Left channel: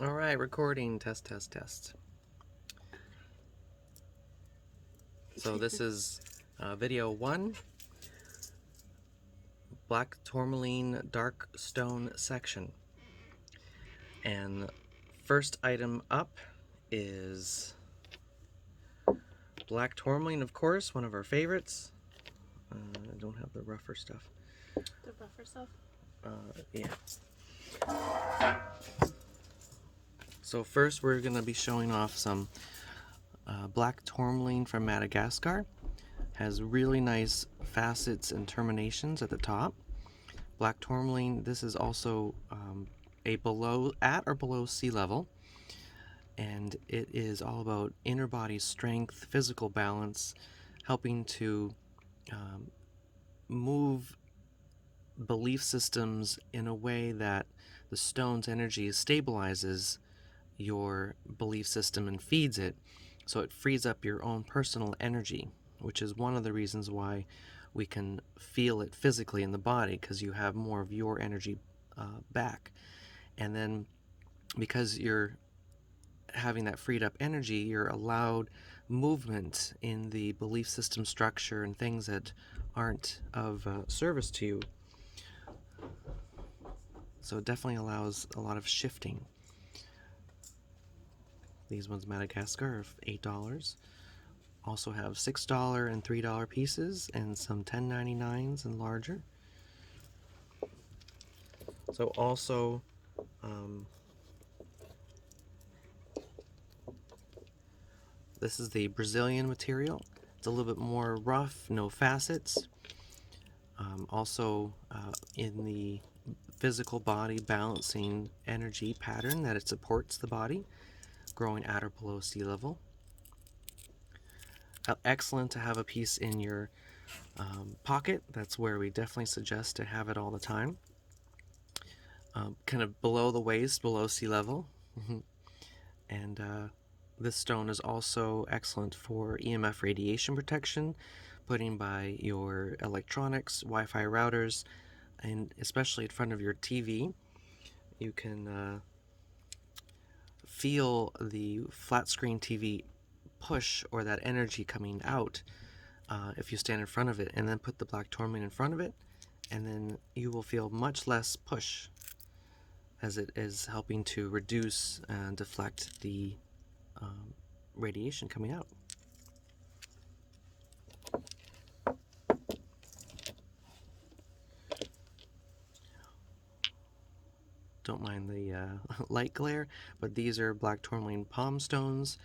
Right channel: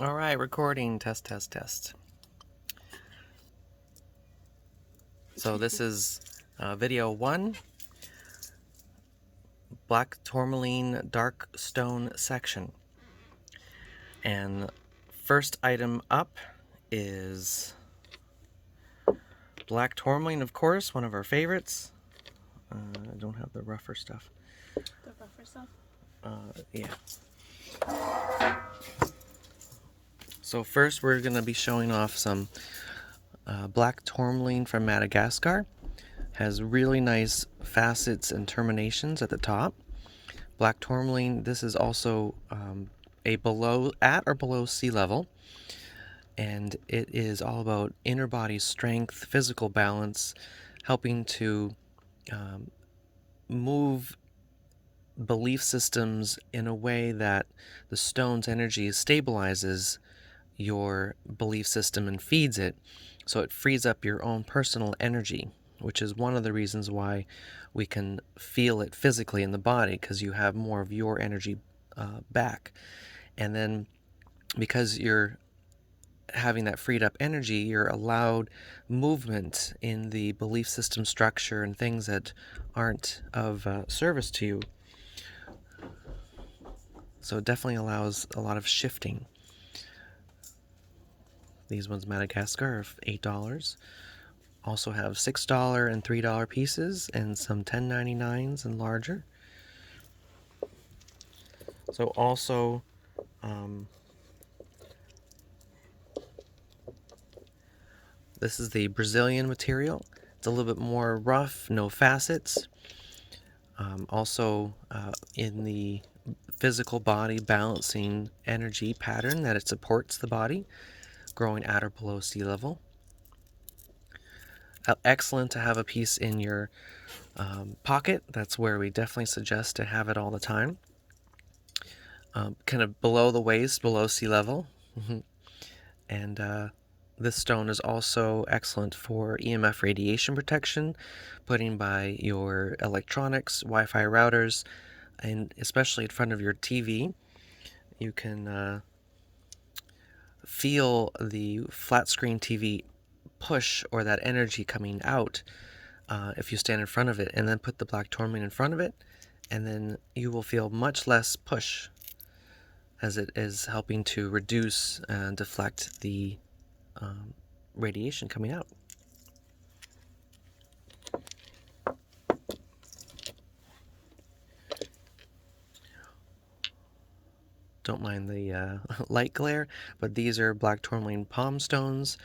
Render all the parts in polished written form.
All right, recording. Test, test, test. So this is video 1, Black Tourmaline Dark Stone section. And first item up is Black Tourmaline, of course, one of our favorites. I don't have the rougher stuff. The rougher stuff? Yeah. So first we're going to be showing off some Black Tourmaline from Madagascar. Has really nice facets and terminations at the top. Black Tourmaline, this is also at or below sea level, and it is all about inner body strength, physical balance, helping to move belief systems in a way that the stone's energy stabilizes your belief system and feeds it, so it frees up your own personal energy, which is one of the reasons why we can feel it physically in the body, because you have more of your energy back. And then because you're having that freed up energy, you're allowed movement in the belief system structure and things that aren't of service to you. So it definitely allows a lot of shifting. These ones, Madagascar, are $8. Also have $6 and $3 pieces, and some $10.99s and larger. So also this is the Brazilian material. It's a little bit more rough, no facets. Also in the physical body balancing energy pattern that it supports the body, growing at or below sea level. Excellent to have a piece in your pocket. That's where we definitely suggest to have it all the time. Kind of below the waist, below sea level. And this stone is also excellent for EMF radiation protection, putting by your electronics, Wi-Fi routers, and especially in front of your TV. You can feel the flat screen TV push or that energy coming out if you stand in front of it, and then put the black tourmaline in front of it, and then you will feel much less push, as it is helping to reduce and deflect the radiation coming out. Don't mind the light glare, but these are black tourmaline palm stones.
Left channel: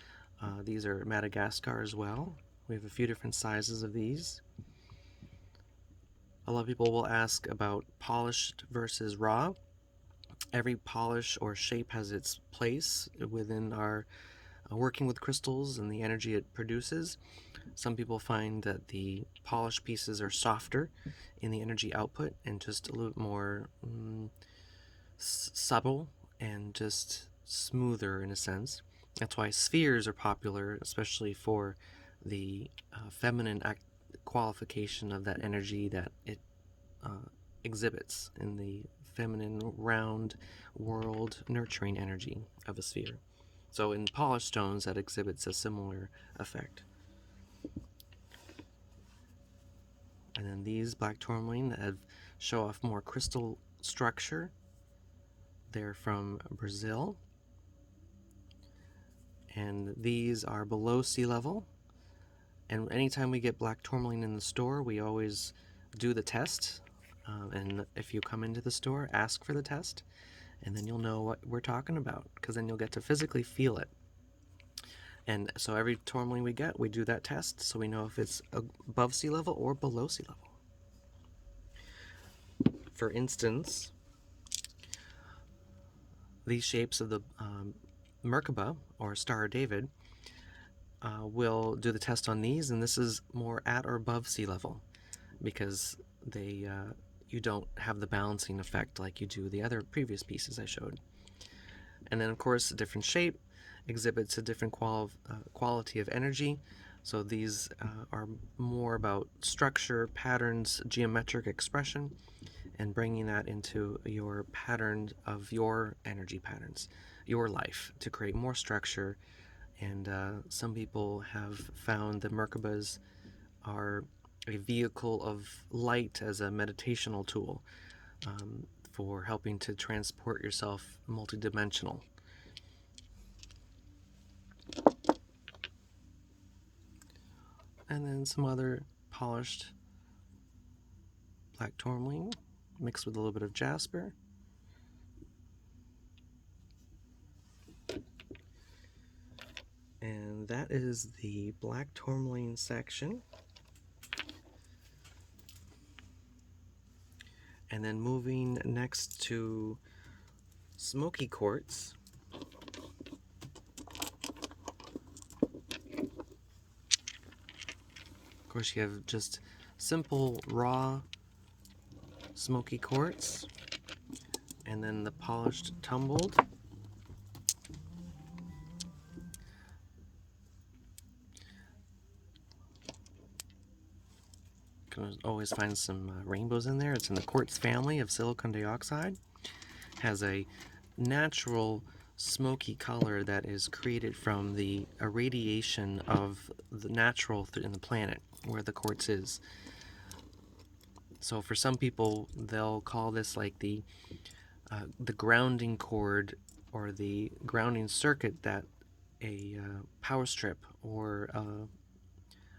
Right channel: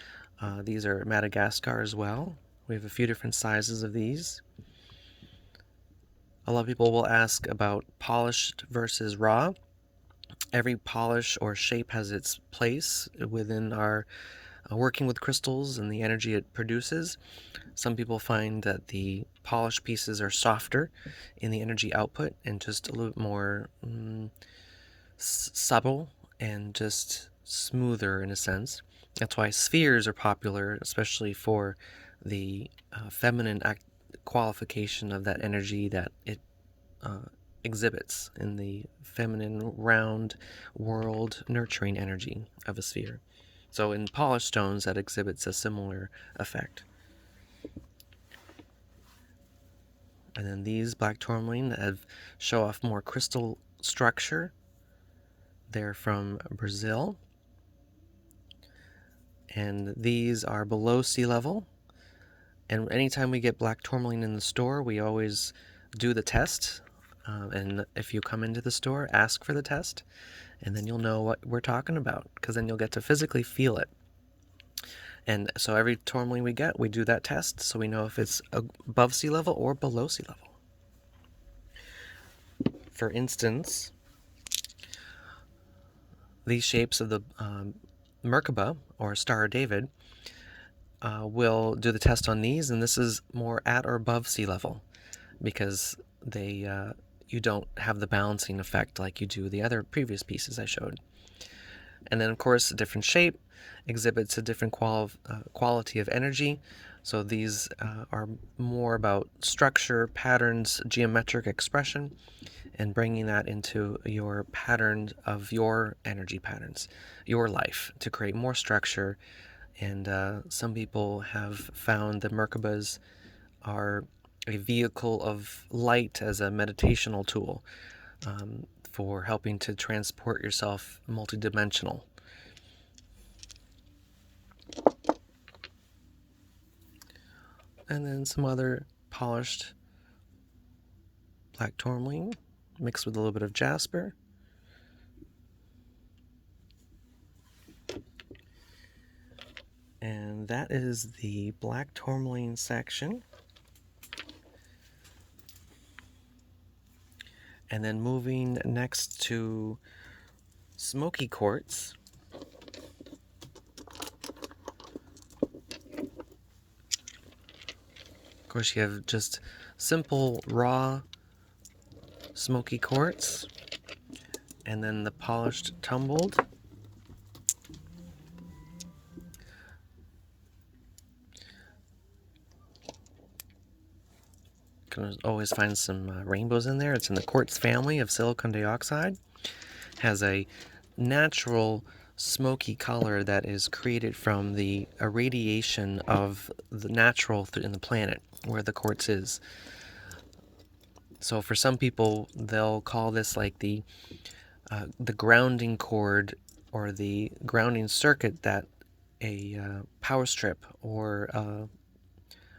These are Madagascar as well. We have a few different sizes of these. A lot of people will ask about polished versus raw. Every polish or shape has its place within our working with crystals and the energy it produces. Some people find that the polished pieces are softer in the energy output and just a little bit more subtle and just smoother in a sense. That's why spheres are popular, especially for the feminine qualification of that energy that it exhibits in the feminine, round, world, nurturing energy of a sphere. So in polished stones, that exhibits a similar effect. And then these black tourmaline that show off more crystal structure. They're from Brazil. And these are below sea level. And anytime we get black tourmaline in the store, we always do the test. And if you come into the store, ask for the test, and then you'll know what we're talking about, because then you'll get to physically feel it. And so every tourmaline we get, we do that test, so we know if it's above sea level or below sea level. For instance, these shapes of the Merkaba, or Star of David, we'll do the test on these, and this is more at or above sea level, because they you don't have the balancing effect like you do the other previous pieces I showed. And then, of course, a different shape exhibits a different quality of energy. So these are more about structure, patterns, geometric expression, and bringing that into your pattern of your energy patterns, your life, to create more structure. And some people have found the Merkabas are a vehicle of light as a meditational tool, for helping to transport yourself multidimensional. And then some other polished black tourmaline mixed with a little bit of jasper. And that is the black tourmaline section. And then moving next to smoky quartz. Of course, you have just simple raw smoky quartz, and then the polished tumbled. Can always find some rainbows in there. It's in the quartz family of silicon dioxide. Has a natural smoky color that is created from the irradiation of the natural in the planet where the quartz is. So for some people, they'll call this like the grounding cord or the grounding circuit that a power strip or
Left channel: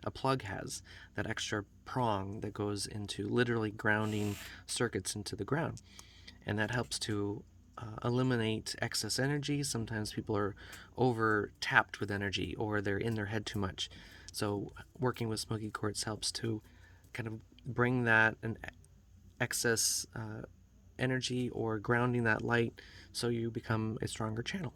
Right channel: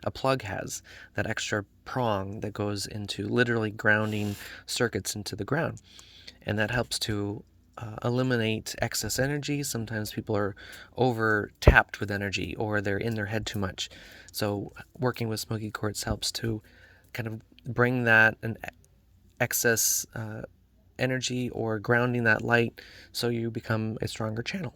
a plug has, that extra prong that goes into literally grounding circuits into the ground. And that helps to eliminate excess energy. Sometimes people are over tapped with energy, or they're in their head too much. So working with smoky quartz helps to kind of bring that an excess energy, or grounding that light, so you become a stronger channel.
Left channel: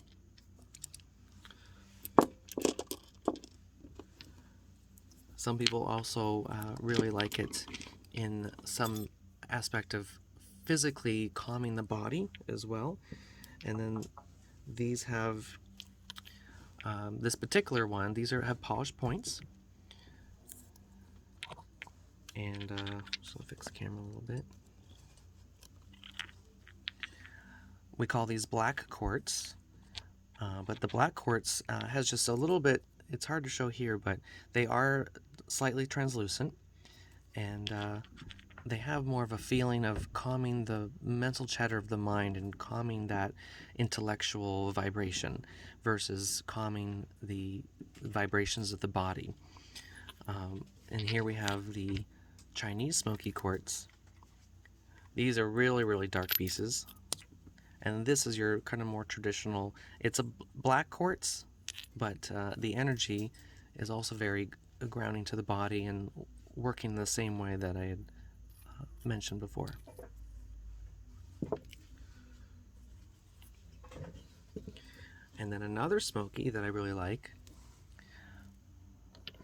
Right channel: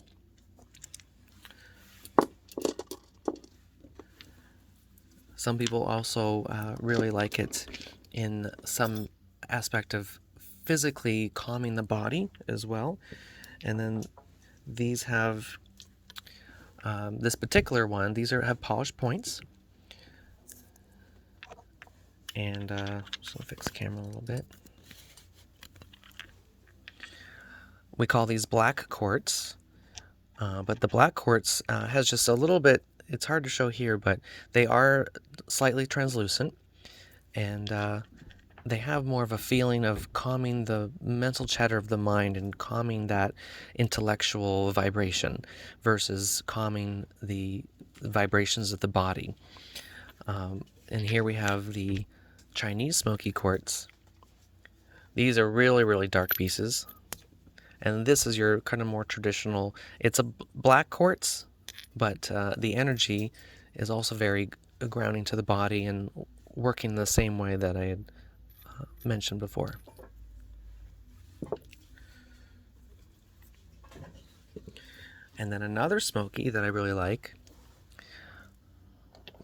Some people also really like it in some aspect of physically calming the body as well. And then these have this particular one, these have polished points. And just gonna fix the camera a little bit. We call these black quartz, but the black quartz has just a little bit, it's hard to show here, but they are slightly translucent, and they have more of a feeling of calming the mental chatter of the mind and calming that intellectual vibration versus calming the vibrations of the body. And here we have the Chinese smoky quartz. These are really, really dark pieces. And this is your kind of more traditional, it's a black quartz, but the energy is also very grounding to the body and working the same way that I had mentioned before. And then another smoky that I really like,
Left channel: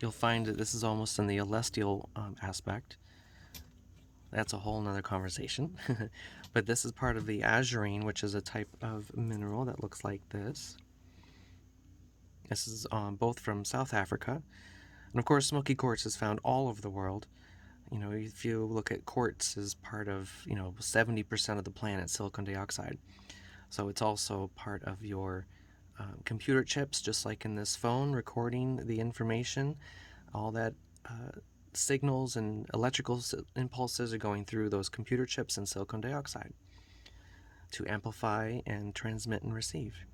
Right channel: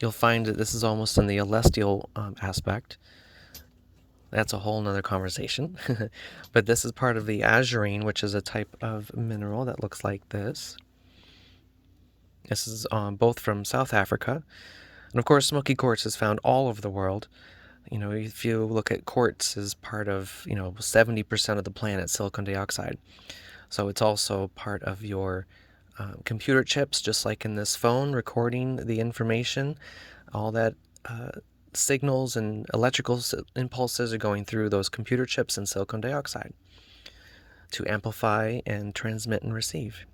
you'll find that this is almost in the celestial aspect. That's a whole nother conversation. But this is part of the azurine, which is a type of mineral that looks like this. This is both from South Africa. And of course, smoky quartz is found all over the world. You know, if you look at quartz as part of, 70% of the planet, silicon dioxide. So it's also part of your computer chips, just like in this phone, recording the information. All that signals and electrical impulses are going through those computer chips and silicon dioxide to amplify and transmit and receive.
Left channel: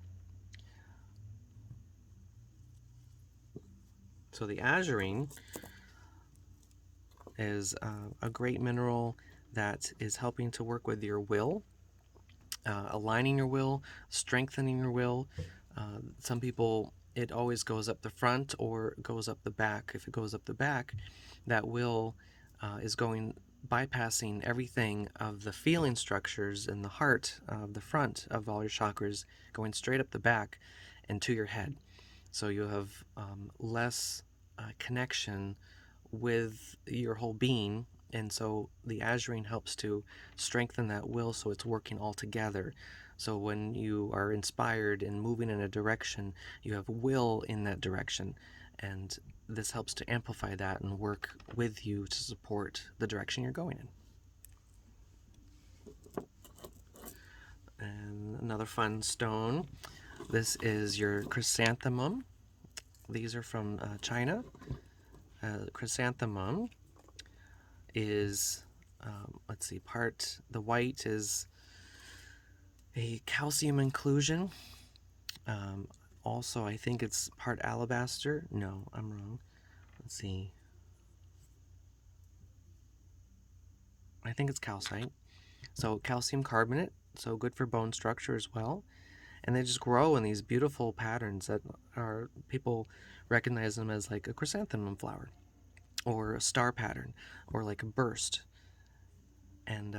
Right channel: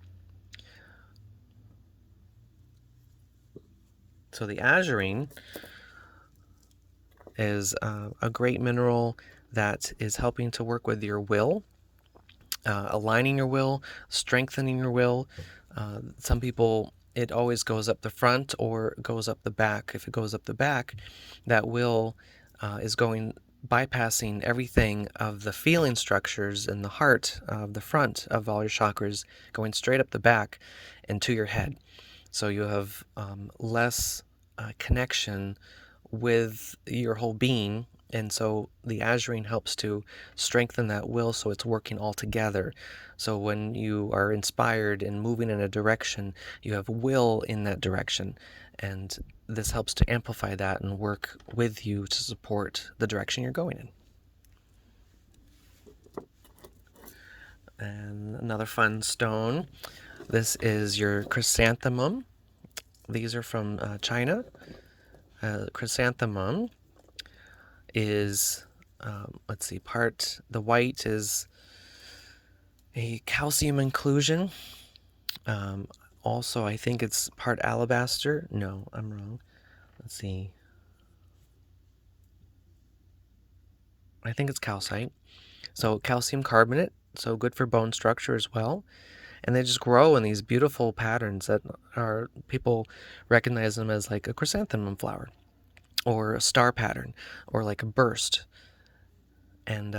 So the azurine is a great mineral that is helping to work with your will, aligning your will, strengthening your will. Some people, it always goes up the front or goes up the back. If it goes up the back, that will is bypassing everything of the feeling structures in the heart of the front of all your chakras, going straight up the back and to your head. So you have less connection with your whole being. And so the azurine helps to strengthen that will, so it's working all together. So when you are inspired and moving in a direction, you have will in that direction. And this helps to amplify that and work with you to support the direction you're going in. And another fun stone. This is your chrysanthemum. These are from China. Chrysanthemum is, let's see, the white is a calcium inclusion. Also, I think it's part alabaster. No, I'm wrong. Let's see. I think it's calcite. So calcium carbonate, so good for bone structure as well. And they just grow in these beautiful patterns that are, people recognize them as like a chrysanthemum flower or a star pattern or like a burst. And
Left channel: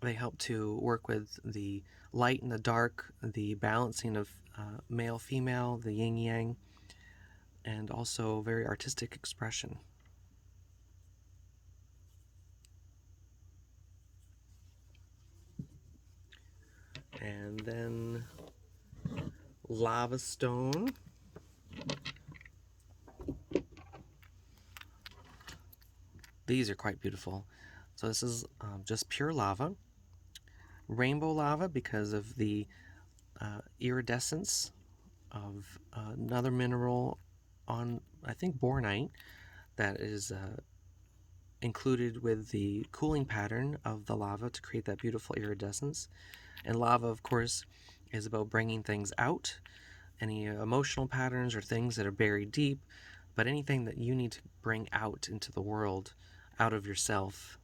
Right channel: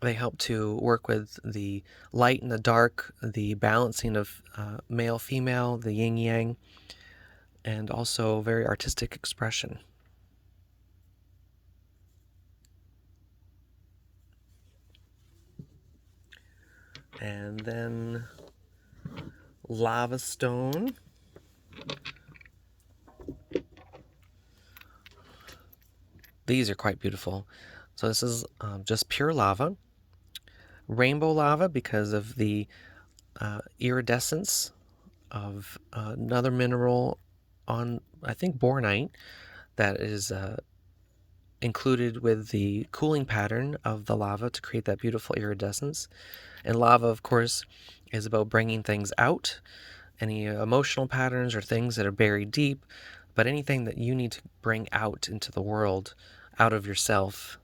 they help to work with the light and the dark, the balancing of male, female, the yin yang, and also very artistic expression. And then lava stone. These are quite beautiful. So this is just pure lava. Rainbow lava because of the iridescence of another mineral on, I think, bornite, that is included with the cooling pattern of the lava to create that beautiful iridescence. And lava, of course, is about bringing things out, any emotional patterns or things that are buried deep, but anything that you need to bring out into the world, out of yourself.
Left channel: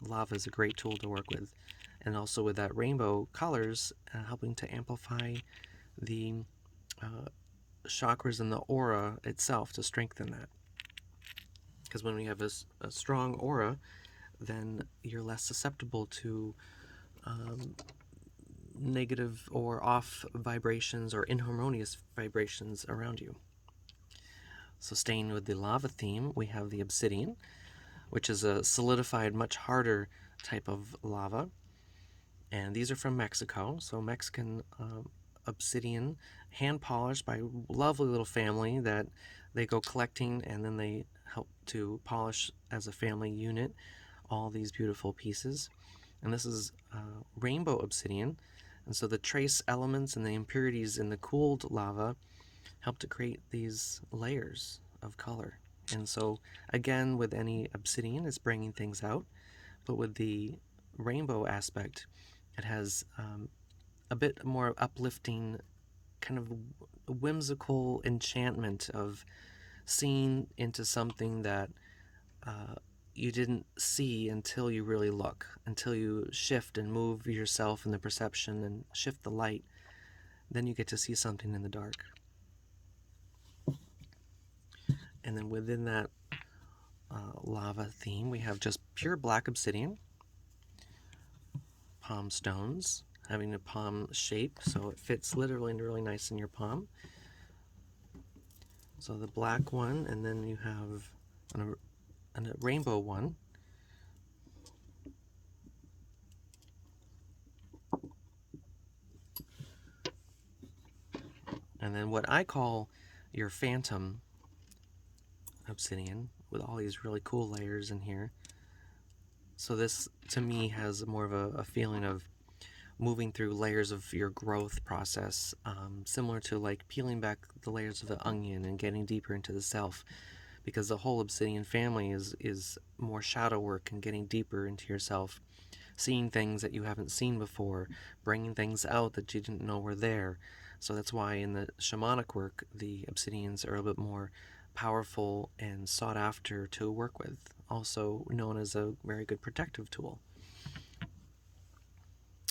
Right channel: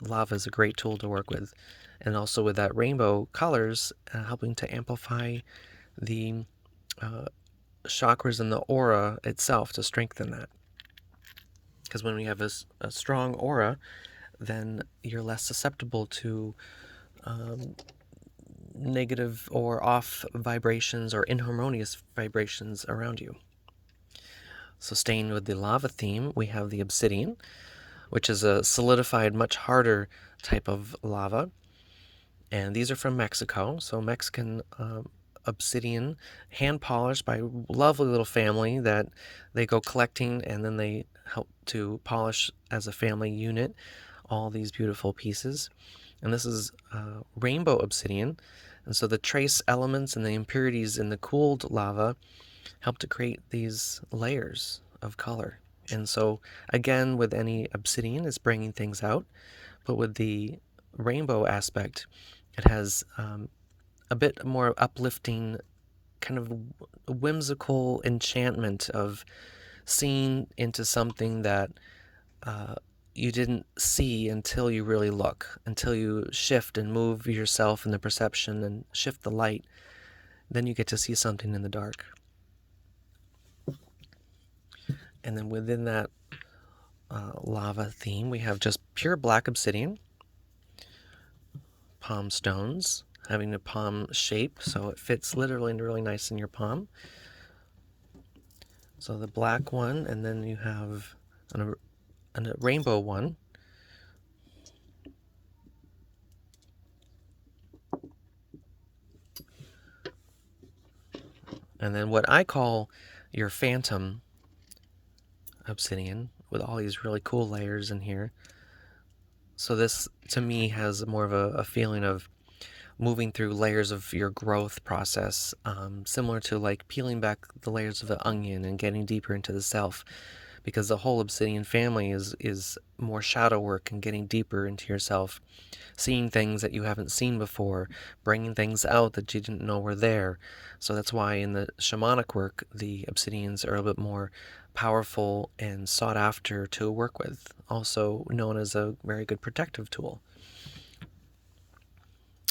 Lava is a great tool to work with. And also with that rainbow colors, helping to amplify the chakras and the aura itself to strengthen that. Because when we have a strong aura, then you're less susceptible to negative or off vibrations or inharmonious vibrations around you. So staying with the lava theme, we have the obsidian, which is a solidified, much harder type of lava. And these are from Mexico. So Mexican obsidian, hand polished by a lovely little family that they go collecting, and then they help to polish as a family unit all these beautiful pieces. And this is rainbow obsidian. And so the trace elements and the impurities in the cooled lava help to create these layers of color. And so, again, with any obsidian, it's bringing things out. But with the rainbow aspect, it has a bit more uplifting, kind of whimsical enchantment of seeing into something that you didn't see until you really look, until you shift and move yourself in the perception and shift the light. Then you get to see something in the dark. And then within that lava theme, we have just pure black obsidian, palm stones, having a palm shape, so it fits literally really nice in your palm. So the black one, and then you have a rainbow one. And then what I call your phantom obsidian, with all these really cool layers in here. So this, to me, has more of a feeling of moving through layers of your growth process, similar to like peeling back the layers of an onion and getting deeper into the self, because the whole obsidian family is more shadow work and getting deeper into yourself, seeing things that you haven't seen before, bringing things out that you didn't know were there. So that's why in the shamanic work, the obsidians are a bit more powerful and sought after to work with, also known as a very good protective tool.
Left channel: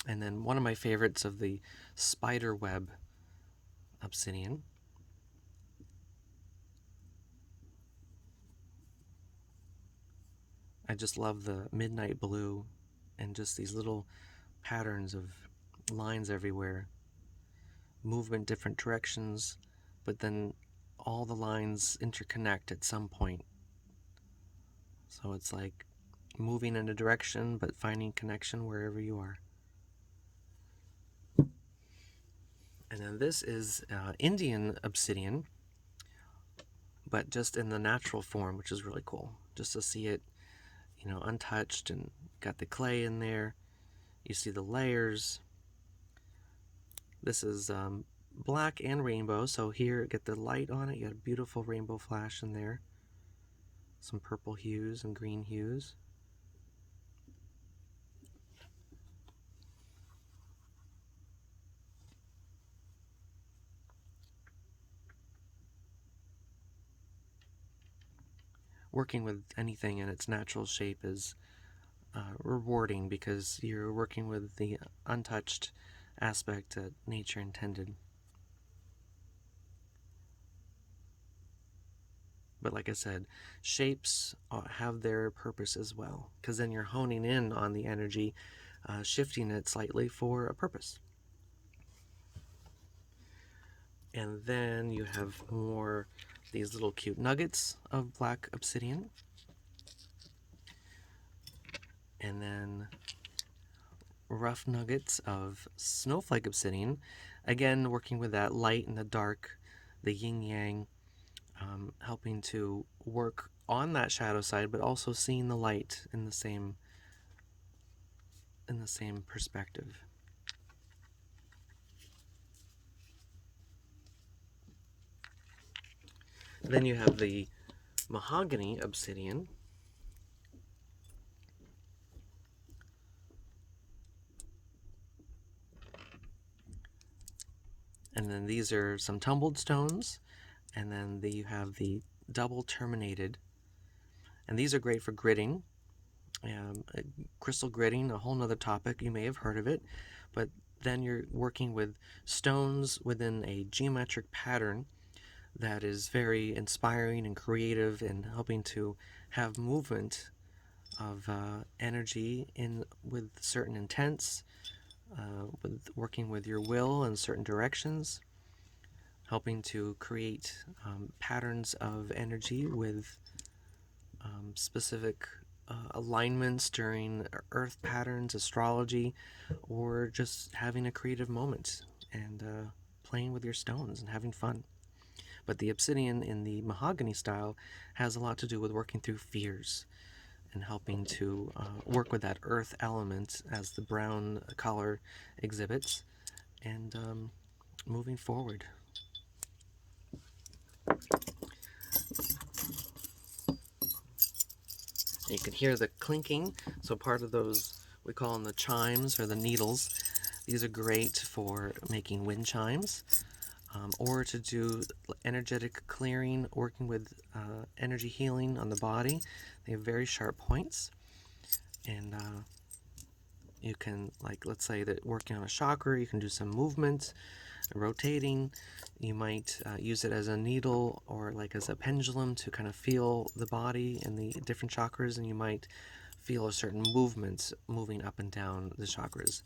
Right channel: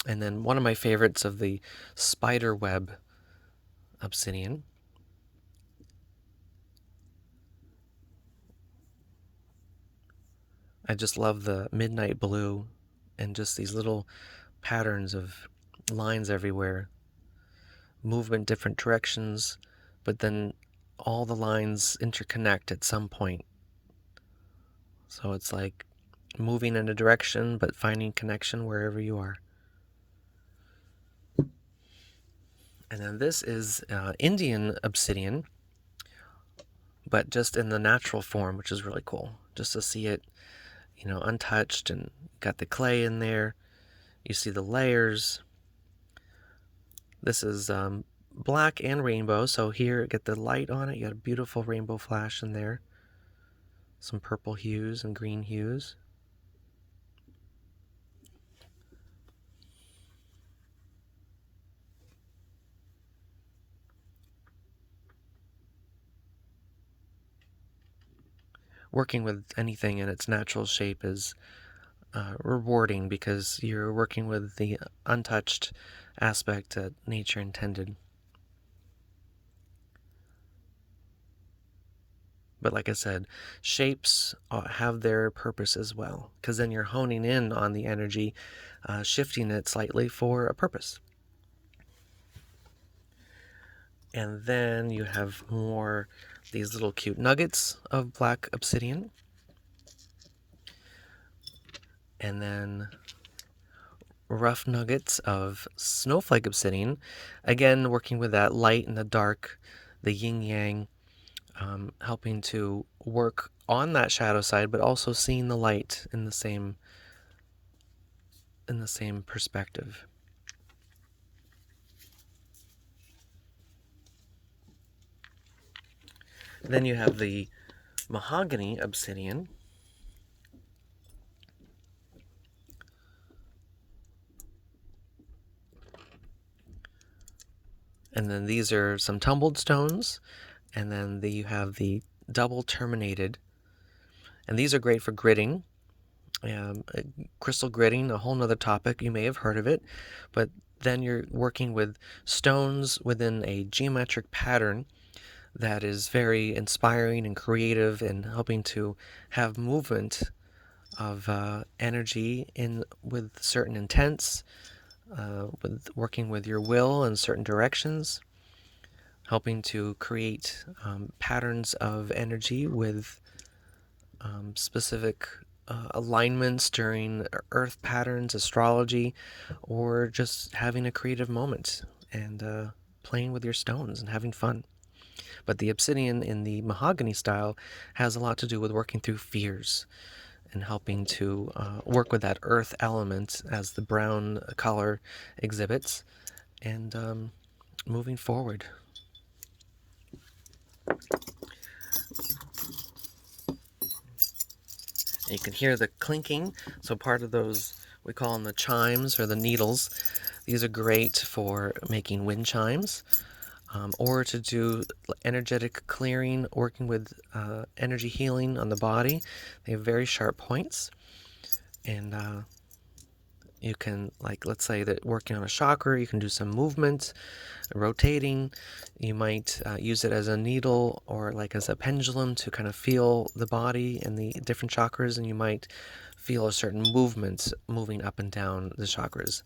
And then one of my favorites of the spider web obsidian. I just love the midnight blue and just these little patterns of lines everywhere, movement different directions, but then all the lines interconnect at some point. So it's like moving in a direction but finding connection wherever you are. And then this is Indian obsidian, but just in the natural form, which is really cool. Just to see it, untouched, and got the clay in there. You see the layers. This is black and rainbow, so here, get the light on it. You got a beautiful rainbow flash in there. Some purple hues and green hues. Working with anything in its natural shape is rewarding because you're working with the untouched aspect that nature intended. But like I said, shapes have their purpose as well, because then you're honing in on the energy, shifting it slightly for a purpose. And then you have more these little cute nuggets of black obsidian. And then rough nuggets of snowflake obsidian. Again, working with that light and the dark, the yin yang, helping to work on that shadow side, but also seeing the light in the same perspective. Then you have the mahogany obsidian. And then these are some tumbled stones. And then you have the double terminated. And these are great for gridding. Crystal gridding, a whole nother topic. You may have heard of it. But then you're working with stones within a geometric pattern that is very inspiring and creative, and helping to have movement of energy in with certain intents, with working with your will in certain directions, helping to create patterns of energy with specific alignments during earth patterns, astrology, or just having a creative moment and playing with your stones and having fun. But the obsidian in the mahogany style has a lot to do with working through fears and helping to work with that earth element as the brown color exhibits, and moving forward. You can hear the clinking, so part of those, we call them the chimes or the needles. These are great for making wind chimes, or to do energetic clearing, working with energy healing on the body. They have very sharp points, and you can, like, let's say that working on a chakra, you can do some movement, rotating. You might use it as a needle or like as a pendulum to kind of feel the body and the different chakras, and you might feel a certain movement moving up and down the chakras.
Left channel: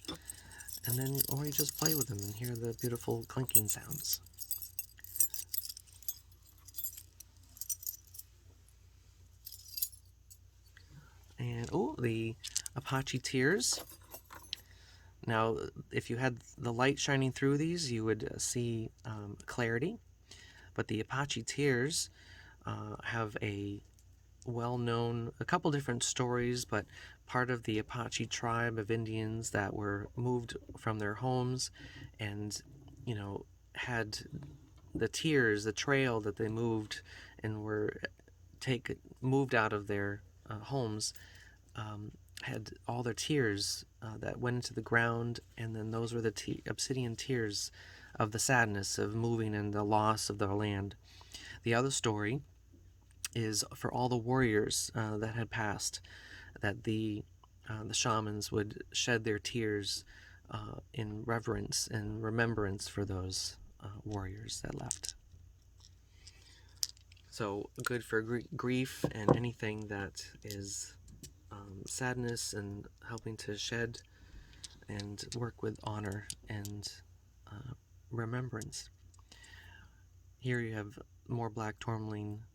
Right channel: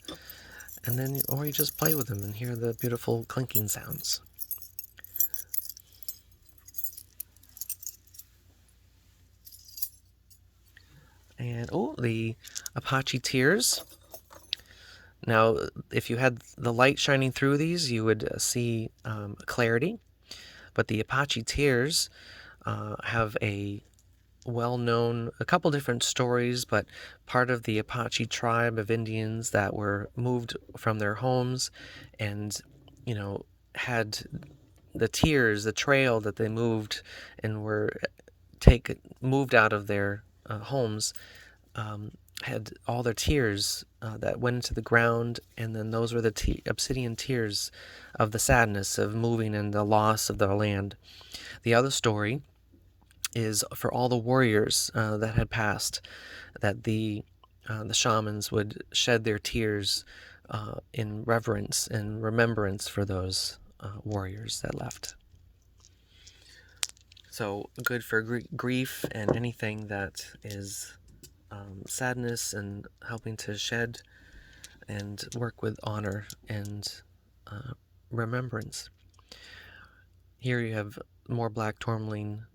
And then, or you just play with them and hear the beautiful clinking sounds. And oh, the Apache tears. Now, if you had the light shining through these, you would see clarity. But the Apache tears have a couple different stories, but part of the Apache tribe of Indians that were moved from their homes and, had the tears, the trail that they moved and were moved out of their homes, had all their tears that went into the ground, and then those were the obsidian tears of the sadness of moving and the loss of their land. The other story is for all the warriors that had passed, that the shamans would shed their tears in reverence and remembrance for those warriors that left. So good for grief and anything that is sadness, and helping to shed and work with honor and remembrance. Here you have more black tourmaline,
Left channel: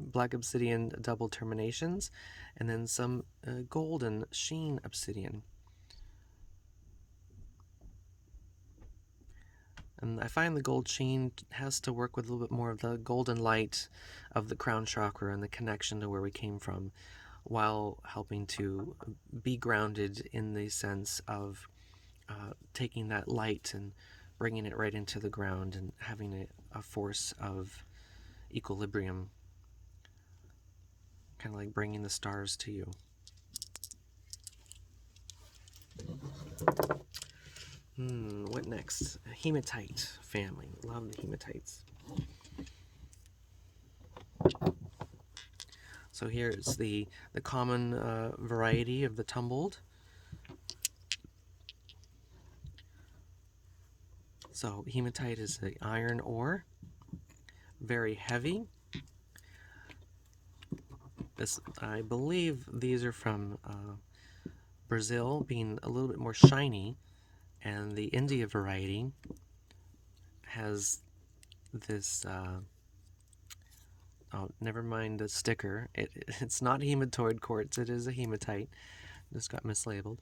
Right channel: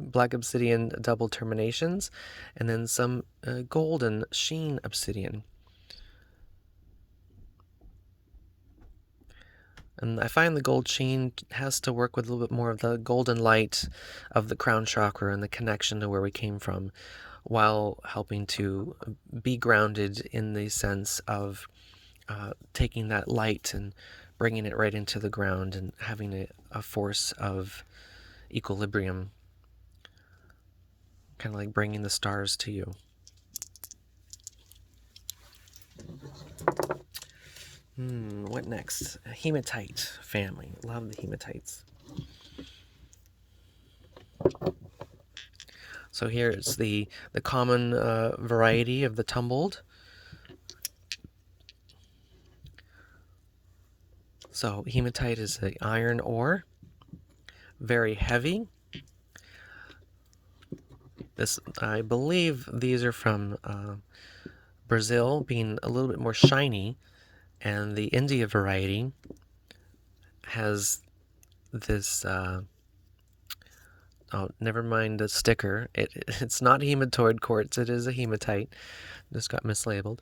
black obsidian double terminations, and then some golden sheen obsidian. And I find the gold sheen has to work with a little bit more of the golden light of the crown chakra and the connection to where we came from, while helping to be grounded in the sense of taking that light and bringing it right into the ground and having a force of equilibrium, kind of like bringing the stars to you. What next? Hematite family. Love the hematites. So here it's the common variety of the tumbled. So hematite is the iron ore, very heavy. I believe these are from Brazil, being a little bit more shiny, and the India variety has this. Oh, never mind the sticker. It's not hematoid quartz. It is a hematite. Just got mislabeled.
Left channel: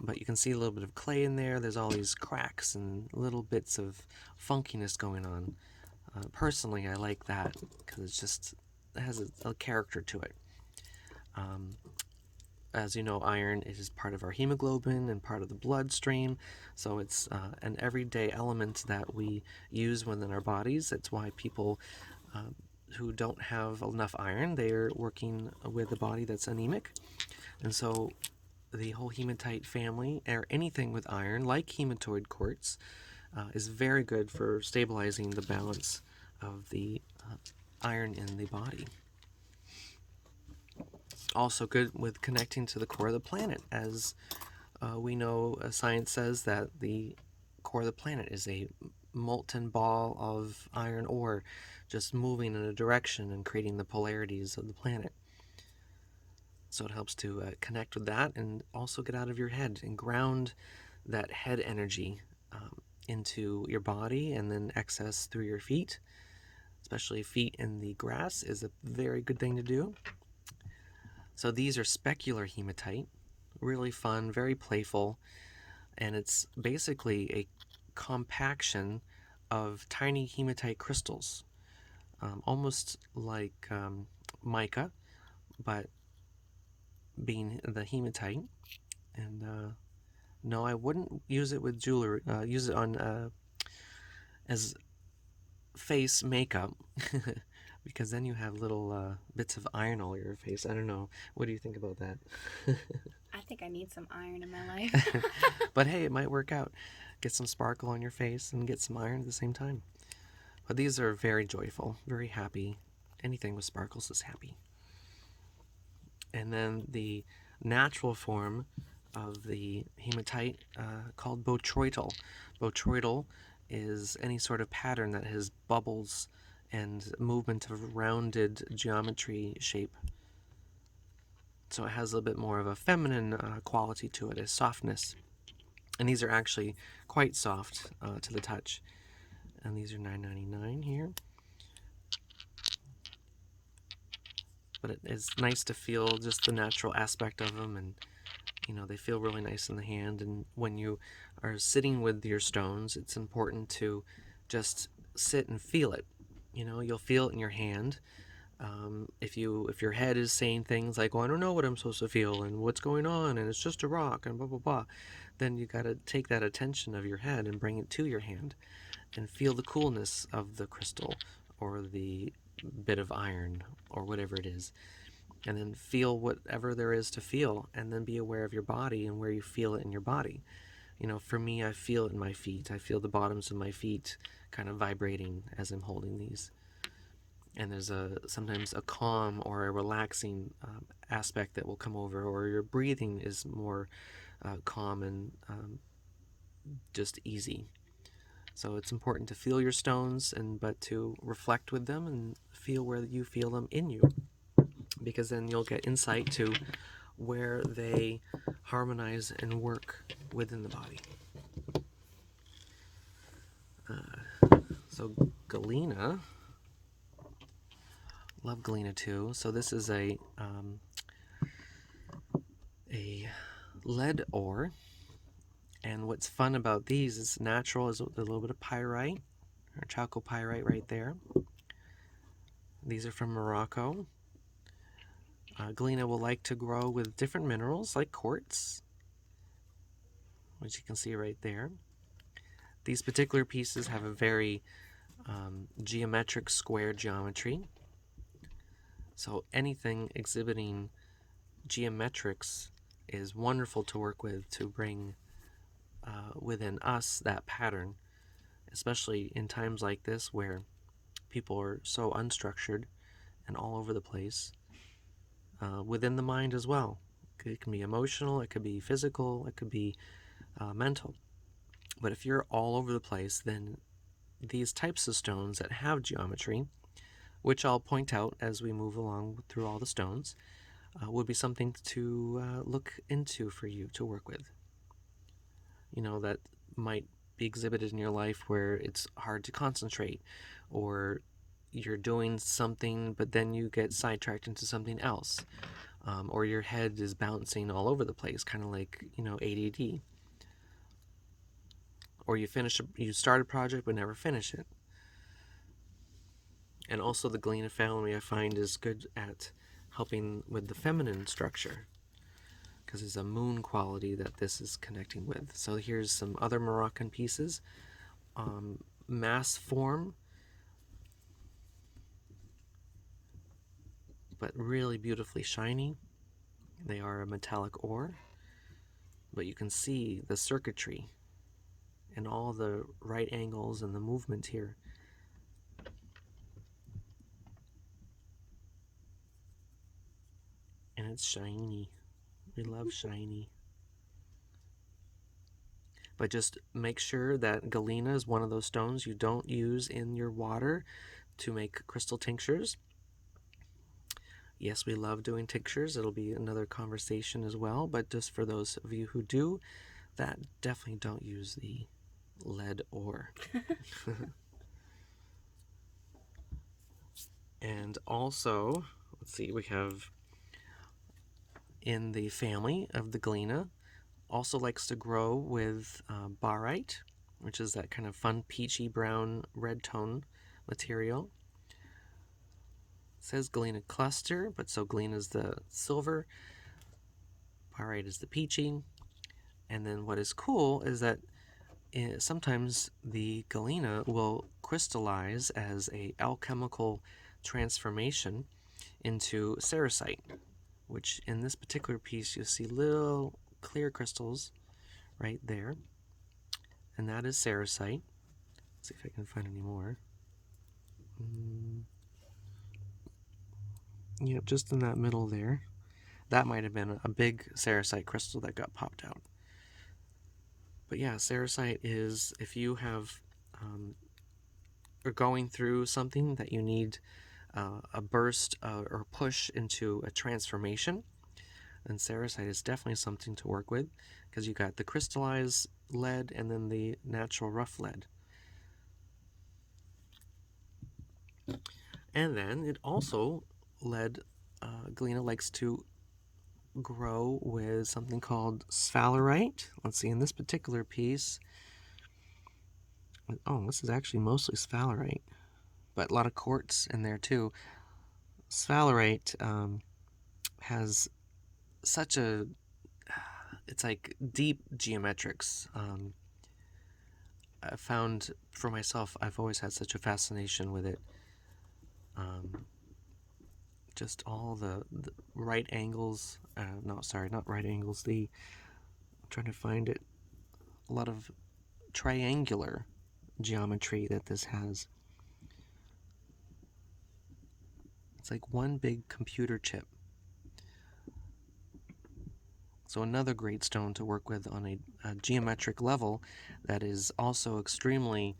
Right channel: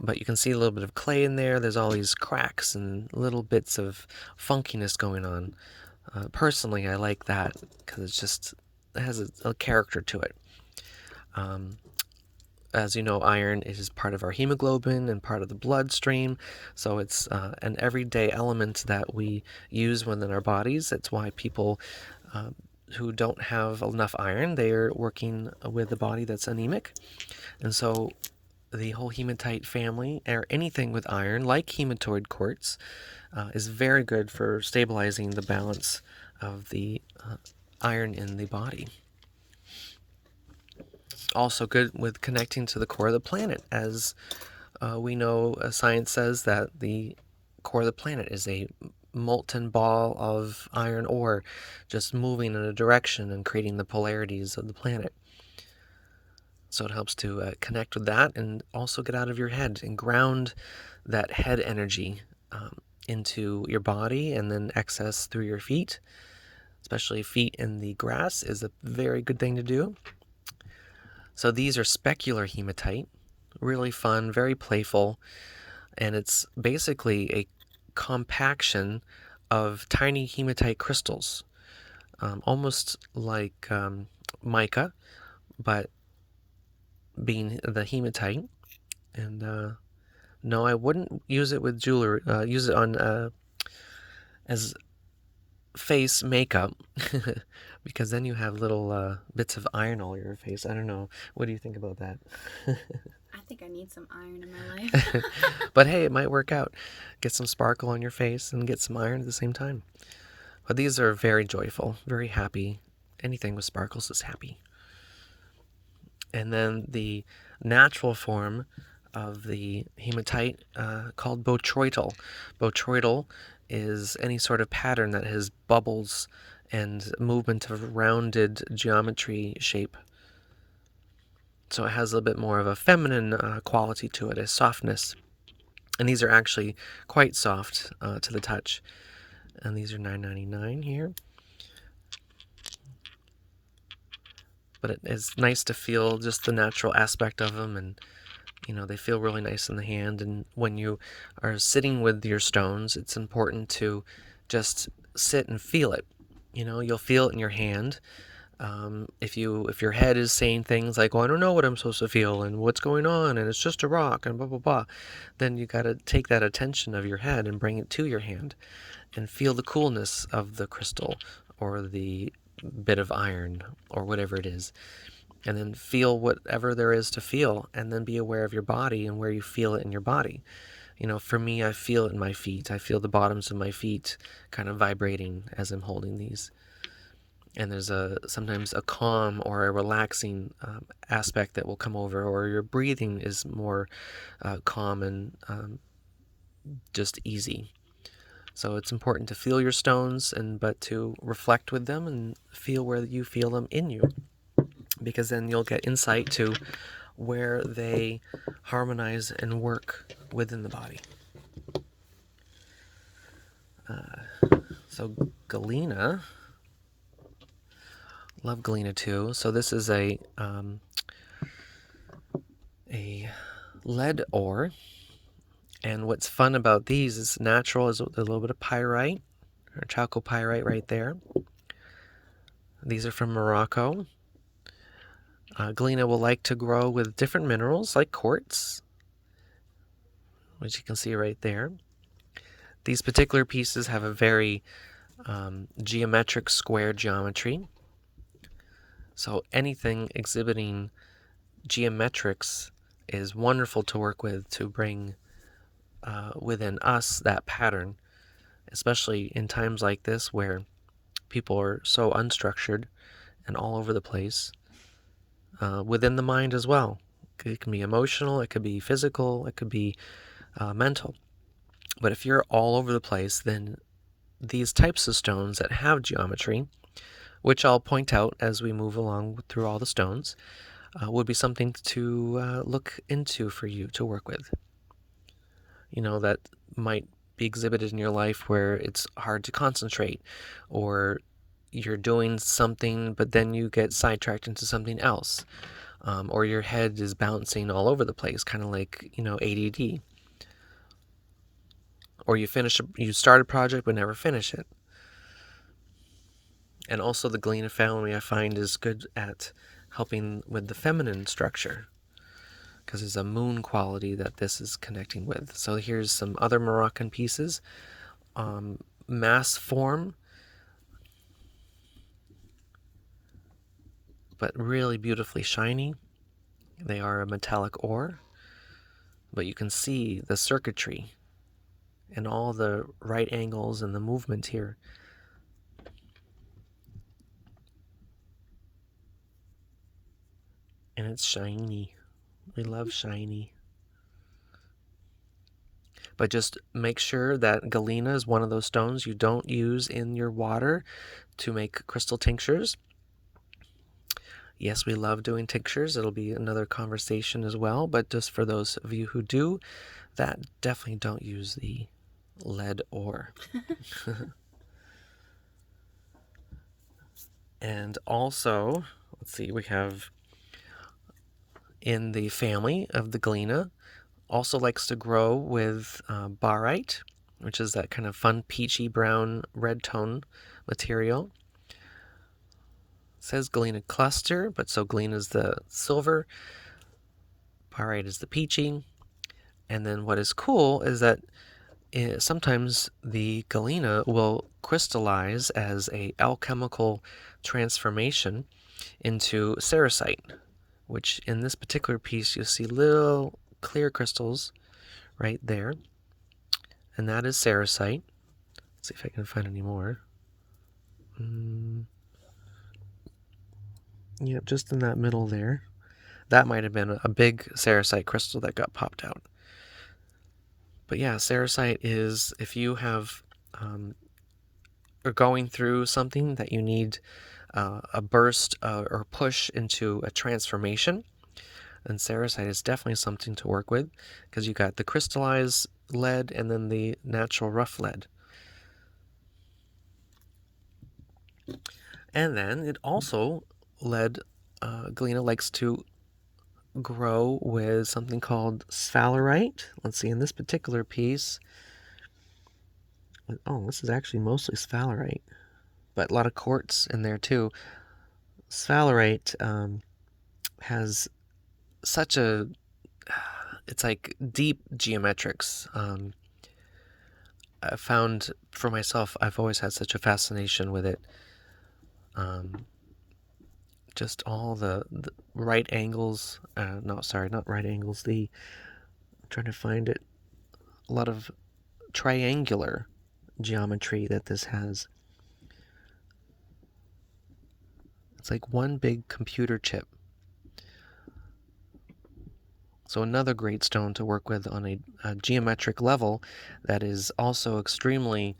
But you can see a little bit of clay in there. There's all these cracks and little bits of funkiness going on. Personally, I like that because it has a character to it. As you know, iron is part of our hemoglobin and part of the bloodstream, so it's an everyday element that we use within our bodies. That's why people who don't have enough iron, they're working with a body that's anemic. And so the whole hematite family, or anything with iron, like hematoid quartz, is very good for stabilizing the balance of the iron in the body. Also good with connecting to the core of the planet, as we know science says that the core of the planet is a molten ball of iron ore just moving in a direction and creating the polarities of the planet. So it helps to connect with that and also get out of your head and ground that head energy into your body, and then excess through your feet. Especially feet in the grass is a very good thing to do. So these are specular hematite, really fun, very playful, and it's basically a compaction of tiny hematite crystals, almost like mica, but being the hematite. And no, I wouldn't use it with jewelry. Use it on as face makeup because then you have little bits of iron all over your face. I don't know. What do you think about that? I think I need some iron in my life. But hey, it might work out. Get some sparkle on your face and get some iron at the same time. But these are very joyful, very happy. Anything with sparkles is happy. And then the natural form of the hematite called botryoidal. Botryoidal is any sort of pattern that has bubbles and movement of rounded geometry shape. So it has a little bit more of a feminine quality to it, a softness. And these are actually quite soft to the touch. And these are $9.99 here. But it is nice to feel just the natural aspect of them, and they feel really nice in the hand. And when you are sitting with your stones, it's important to just sit and feel it. You'll feel it in your hand. If your head is saying things like, "Oh, I don't know what I'm supposed to feel, and what's going on, and it's just a rock, and blah blah blah," then you got to take that attention of your head and bring it to your hand, and feel the coolness of the crystal or the bit of iron or whatever it is, and then feel whatever there is to feel, and then be aware of your body and where you feel it in your body. For me, I feel it in my feet. I feel the bottoms of my feet kind of vibrating as I'm holding these. And there's sometimes a calm or a relaxing aspect that will come over, or your breathing is more calm and just easy. So it's important to feel your stones, but to reflect with them and feel where you feel them in you, because then you'll get insight to where they harmonize and work within the body. So galena, love galena too. So this is a lead ore, and what's fun about these is natural is a little bit of pyrite or chalcopyrite right there. These are from Morocco. Galena will like to grow with different minerals like quartz, which you can see right there. These particular pieces have a very geometric square geometry. So anything exhibiting geometrics is wonderful to work with to bring within us that pattern, especially in times like this where people are so unstructured and all over the place, within the mind as well. It can be emotional, it could be physical, it could be mental. But if you're all over the place, then these types of stones that have geometry, which I'll point out as we move along through all the stones, would be something to look into for you to work with. That might be exhibited in your life where it's hard to concentrate, or you're doing something but then you get sidetracked into something else, or your head is bouncing all over the place, kind of like ADD, or you start a project but never finish it. And also the Galena family, I find, is good at helping with the feminine structure, because there's a moon quality that this is connecting with. So here's some other Moroccan pieces. Mass form, but really beautifully shiny. They are a metallic ore, but you can see the circuitry and all the right angles and the movement here. And it's shiny. We love shiny. But just make sure that galena is one of those stones you don't use in your water to make crystal tinctures. Yes, we love doing tinctures. It'll be another conversation as well. But just for those of you who do, that definitely don't use the lead ore. And also, let's see, we have in the family of the galena, also likes to grow with barite, which is that kind of fun peachy brown red tone material. It says galena cluster, but so galena is the silver, barite is the peachy. And then what is cool is that sometimes the galena will crystallize as a alchemical transformation into cerussite, which in this particular piece you'll see little clear crystals right there, and that is cerussite. Let's see if I can find any more. Yep, just in that middle there. That might have been a big cerussite crystal that got popped out. But yeah, cerussite is, if you have are going through something that you need a burst or push into a transformation, then cerussite is definitely something to work with, because you got the crystallized lead and then the natural rough lead. And then it also lead, galena likes to grow with something called sphalerite. Let's see, in this particular piece, this is actually mostly sphalerite, but a lot of quartz in there too. Sphalerite has such it's like deep geometrics. I found for myself, I've always had such a fascination with it. Just all the right angles. No, sorry, not right angles. I'm trying to find it. A lot of triangular geometry that this has. It's like one big computer chip. So another great stone to work with on a geometric level that is also extremely,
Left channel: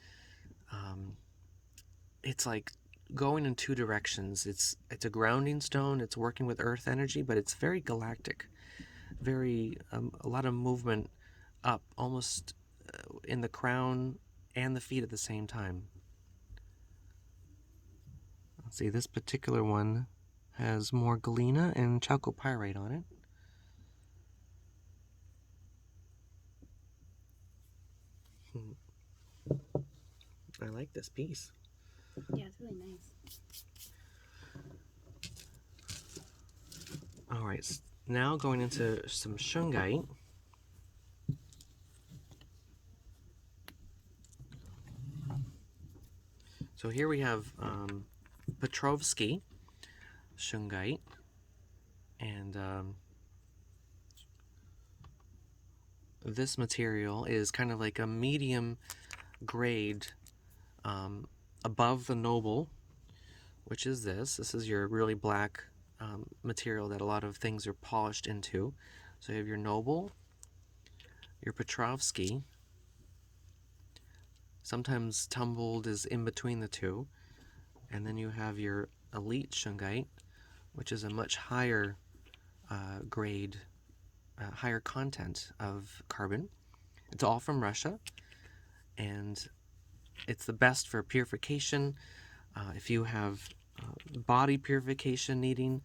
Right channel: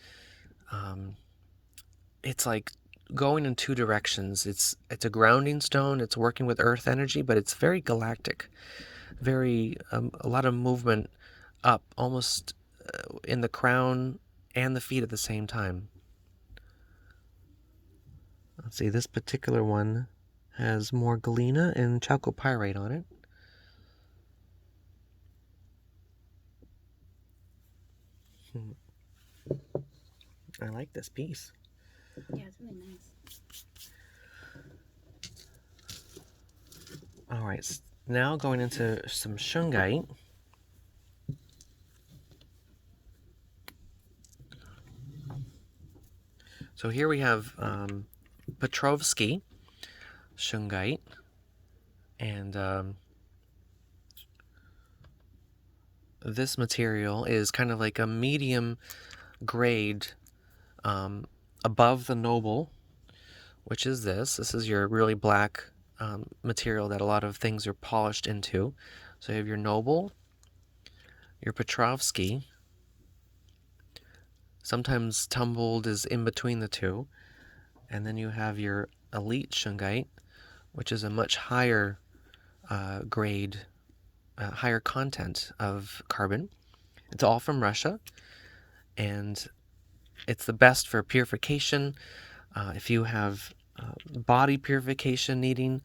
it's like going in two directions. It's a grounding stone. It's working with earth energy, but it's very galactic. Very, a lot of movement up, almost in the crown and the feet at the same time. Let's see, this particular one has more galena and chalcopyrite on it. I like this piece. Yeah, it's really nice. All right, now going into some shungite. So here we have Petrovsky shungite, and this material is kind of like a medium grade above the noble, which is this. This is your really black material that a lot of things are polished into. So you have your noble, your Petrovsky. Sometimes tumbled is in between the two. And then you have your elite shungite, which is a much higher grade, higher content of carbon. It's all from Russia, and it's the best for purification. If you have body purification needing,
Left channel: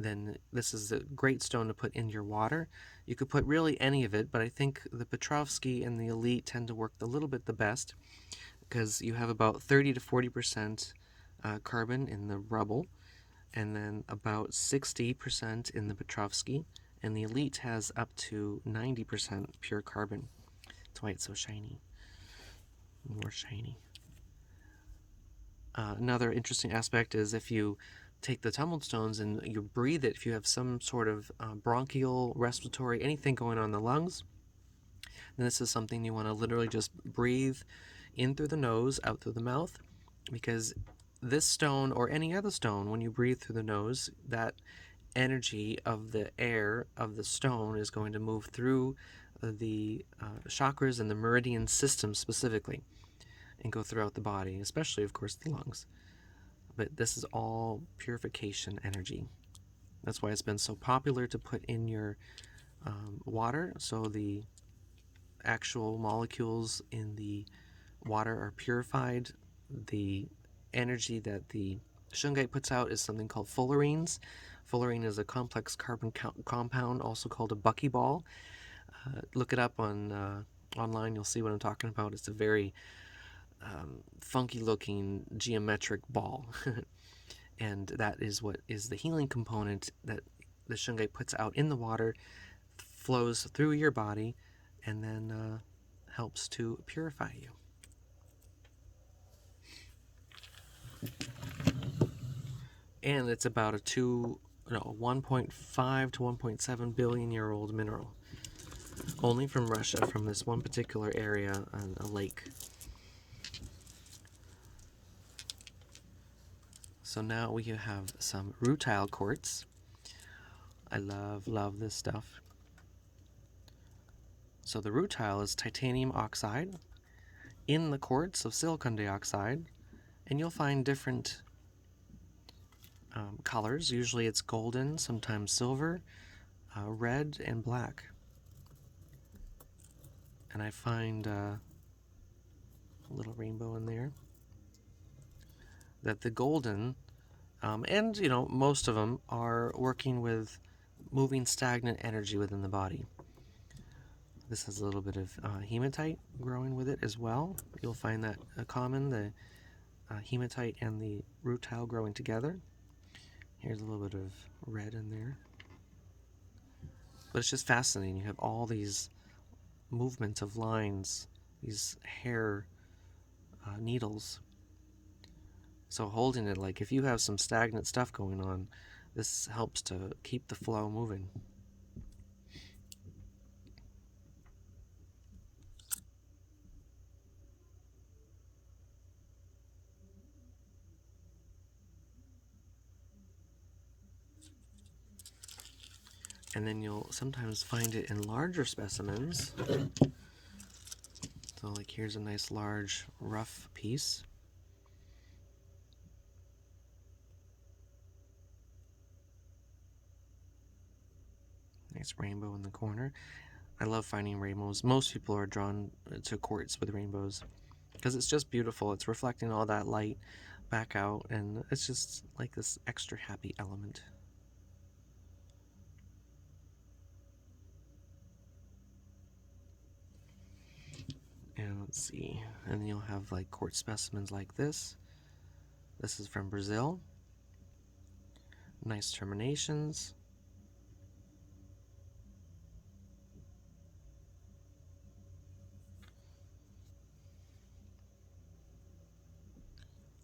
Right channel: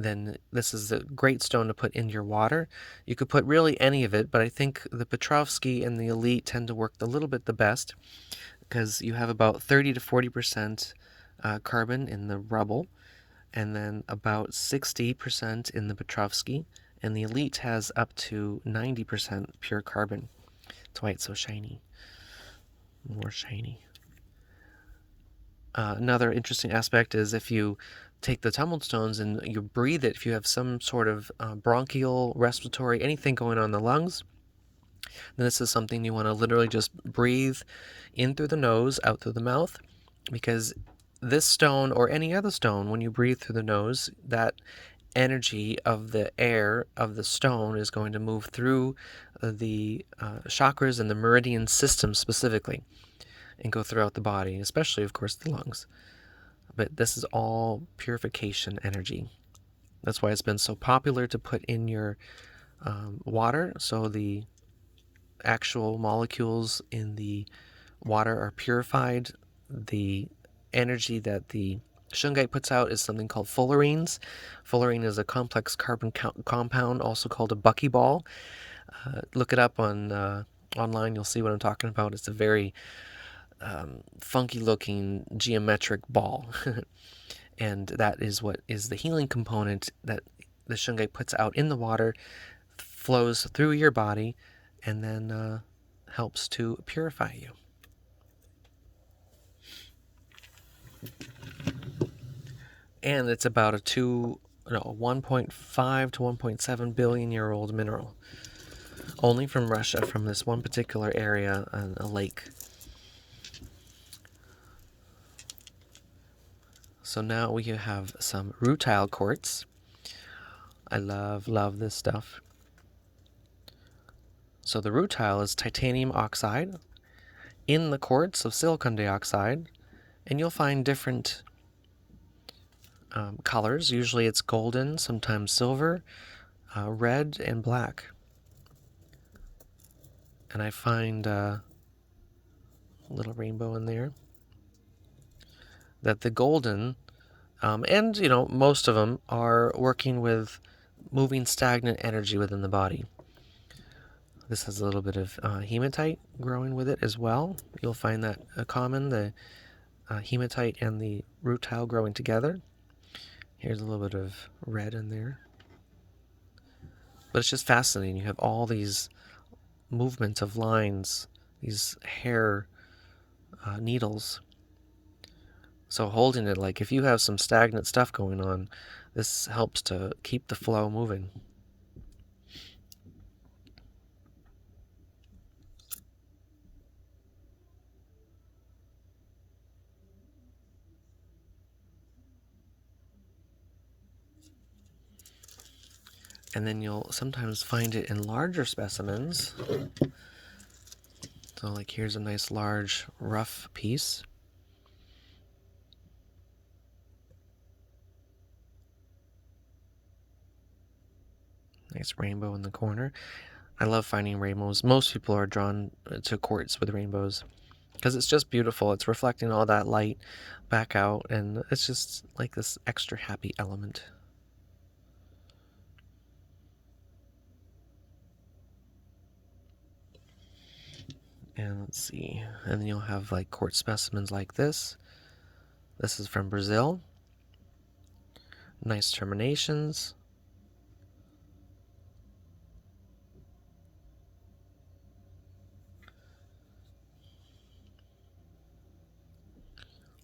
then this is a great stone to put in your water. You could put really any of it, but I think the Petrovsky and the Elite tend to work a little bit the best because you have about 30 to 40% carbon in the rubble, and then about 60% in the Petrovsky, and the Elite has up to 90% pure carbon. That's why it's so shiny. More shiny. Another interesting aspect is if you take the tumbled stones and you breathe it, if you have some sort of bronchial, respiratory, anything going on in the lungs, then this is something you want to literally just breathe in through the nose, out through the mouth, because this stone or any other stone, when you breathe through the nose, that energy of the air of the stone is going to move through the chakras and the meridian system specifically and go throughout the body, especially, of course, the lungs. But this is all purification energy. That's why it's been so popular to put in your water, so the actual molecules in the water are purified. The energy that the shungite puts out is something called fullerenes. Fullerene is a complex carbon compound, also called a buckyball. Look it up on online. You'll see what I'm talking about. It's a very funky looking geometric ball. And that is what is the healing component that the shungite puts out in the water, flows through your body, and then helps to purify you. And it's about a 1.5 to 1.7 billion year old mineral. Only from Russia, from this one particular area, a lake. So now we have some rutile quartz. I love this stuff. So the rutile is titanium oxide in the quartz of silicon dioxide, and you'll find different colors. Usually it's golden, sometimes silver, red, and black. And I find a little rainbow in there. That the golden, and most of them are working with moving stagnant energy within the body. This has a little bit of hematite growing with it as well. You'll find that common, the hematite and the rutile growing together. Here's a little bit of red in there. But it's just fascinating. You have all these movements of lines, these hair needles. So holding it, like if you have some stagnant stuff going on, this helps to keep the flow moving. And then you'll sometimes find it in larger specimens. So like here's a nice large rough piece. Nice rainbow in the corner. I love finding rainbows. Most people are drawn to quartz with rainbows because it's just beautiful. It's reflecting all that light back out, and it's just like this extra happy element. And let's see, and then you'll have like quartz specimens like this. This is from Brazil. Nice terminations.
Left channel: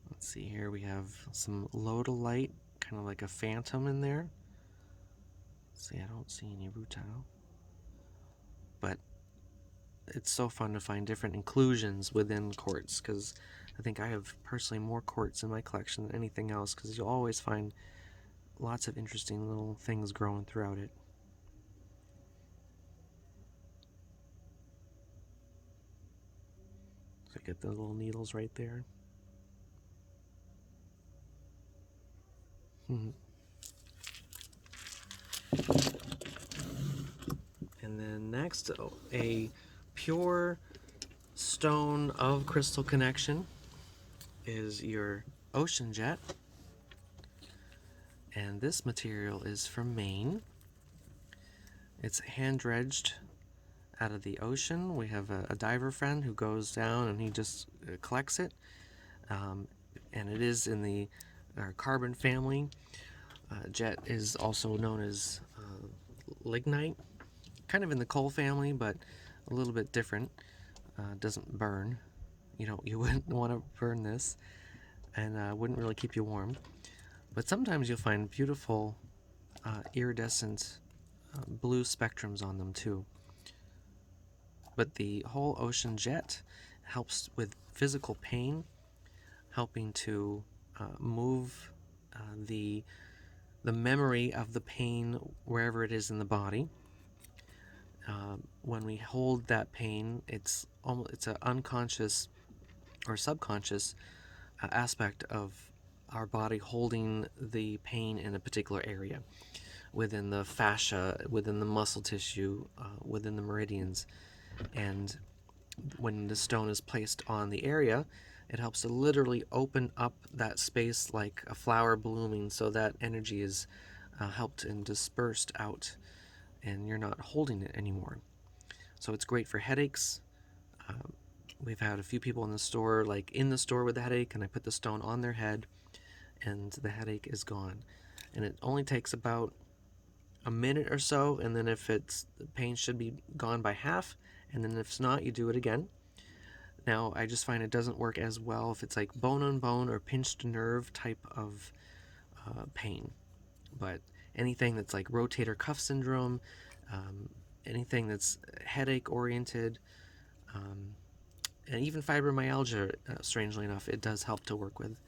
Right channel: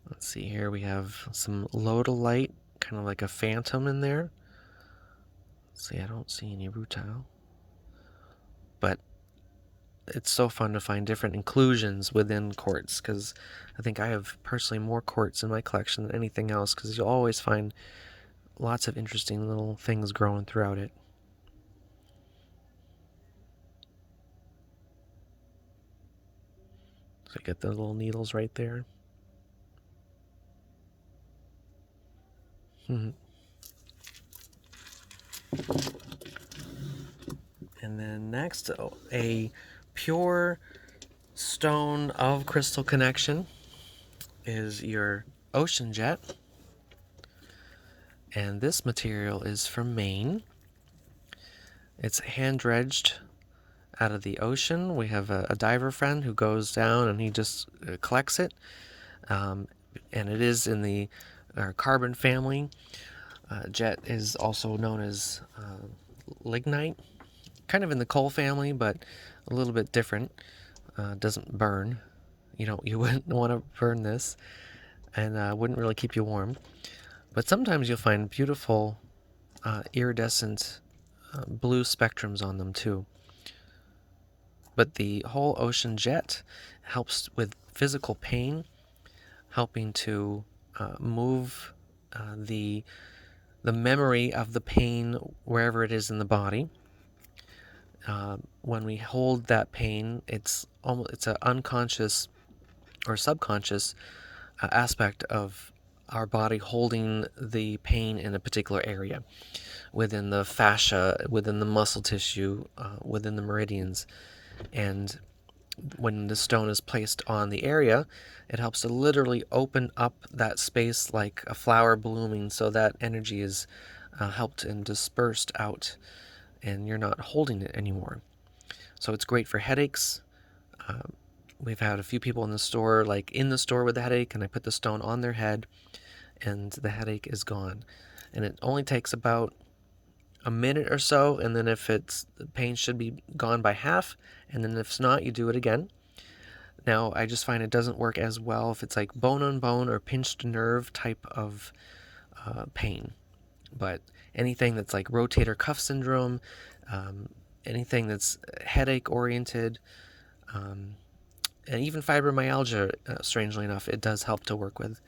Let's See here, we have some lodolite, kind of like a phantom in there. See, I don't see any rutile. But it's so fun to find different inclusions within quartz, because I think I have personally more quartz in my collection than anything else, because you'll always find lots of interesting little things growing throughout it. So you get the little needles right there. And then next, a pure stone of crystal connection is your ocean jet. And this material is from Maine. It's hand dredged out of the ocean. We have a diver friend who goes down and he just collects it. And it is in the carbon family. Jet is also known as lignite, kind of in the coal family, but a little bit different. Doesn't burn. You wouldn't want to burn this, and wouldn't really keep you warm. But sometimes you'll find beautiful iridescent blue spectrums on them too. But the whole ocean jet helps with physical pain, helping to move the memory of the pain wherever it is in the body. When we hold that pain, it's an unconscious or subconscious aspect of our body holding the pain in a particular area, within the fascia, within the muscle tissue, within the meridians. And when the stone is placed on the area, it helps to literally open up that space like a flower blooming, so that energy is helped and dispersed out, and you're not holding it anymore. So it's great for headaches. We've had a few people in the store with a headache, and I put the stone on their head, and the headache is gone. And it only takes about a minute or so, and then if the pain should be gone by half, and then if it's not, you do it again. Now, I just find it doesn't work as well if it's like bone on bone or pinched nerve type of pain. But anything that's like rotator cuff syndrome, anything that's headache oriented, and even fibromyalgia, strangely enough, it does help to work with,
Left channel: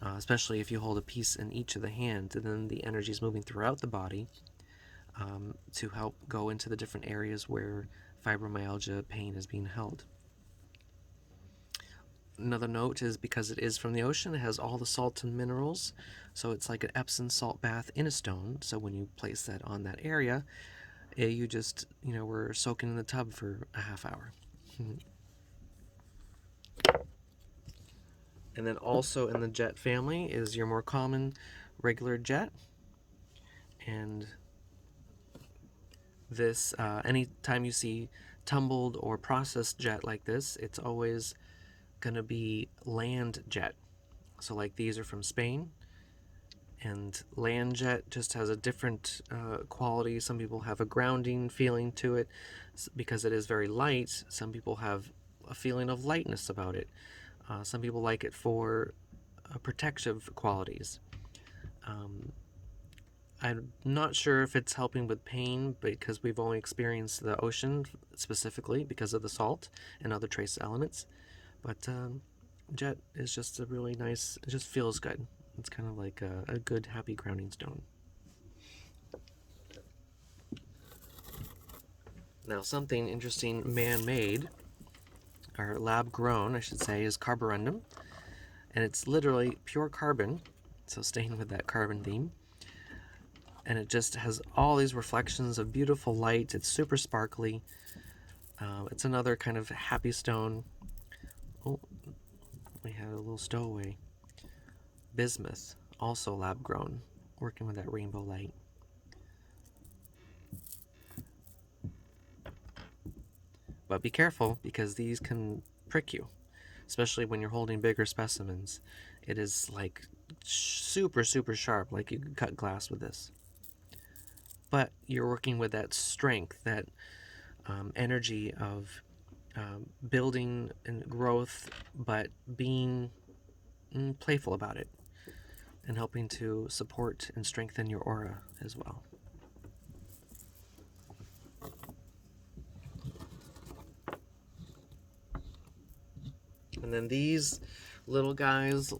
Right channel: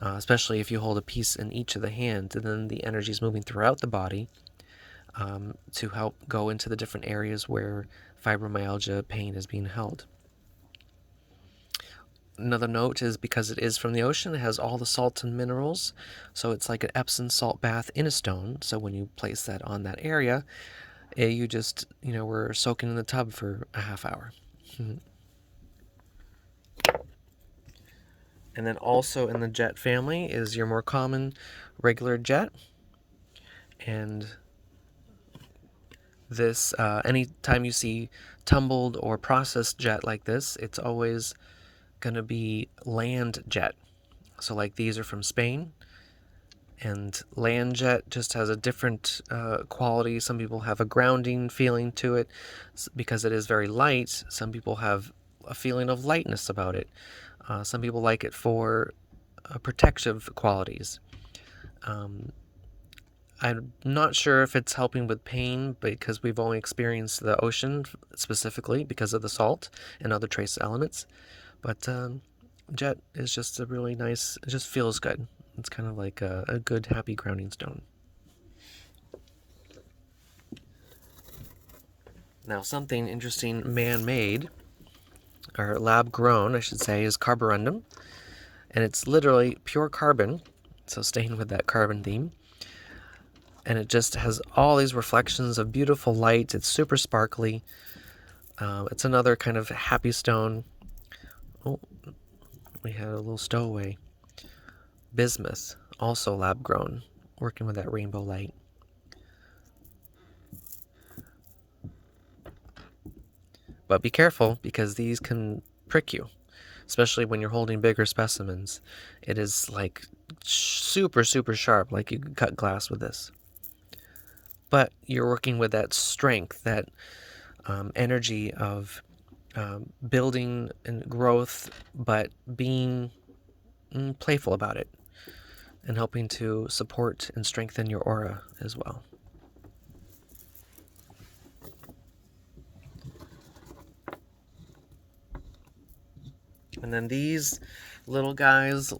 especially if you hold a piece in each of the hands, and then the energy is moving throughout the body to help go into the different areas where fibromyalgia pain is being held. Another note is, because it is from the ocean, it has all the salts and minerals, so it's like an Epsom salt bath in a stone. So when you place that on that area, you just, we're soaking in the tub for a half hour. And then also in the jet family is your more common regular jet. And this, anytime you see tumbled or processed jet like this, it's always going to be land jet. So like these are from Spain, and land jet just has a different quality. Some people have a grounding feeling to it because it is very light. Some people have a feeling of lightness about it. Some people like it for protective qualities. I'm not sure if it's helping with pain, because we've only experienced the ocean specifically because of the salt and other trace elements. But jet is just a really nice, it just feels good. It's kind of like a good, happy grounding stone. Now, something interesting man-made, or lab-grown, I should say, is carborundum. And it's literally pure carbon, so staying with that carbon theme. And it just has all these reflections of beautiful light. It's super sparkly. It's another kind of happy stone. Oh, we had a little stowaway. Bismuth, also lab-grown, working with that rainbow light. But be careful, because these can prick you, especially when you're holding bigger specimens. It is like super, super sharp, like you could cut glass with this. But you're working with that strength, that energy of building and growth, but being playful about it, and helping to support and strengthen your aura as well. And then these little guys,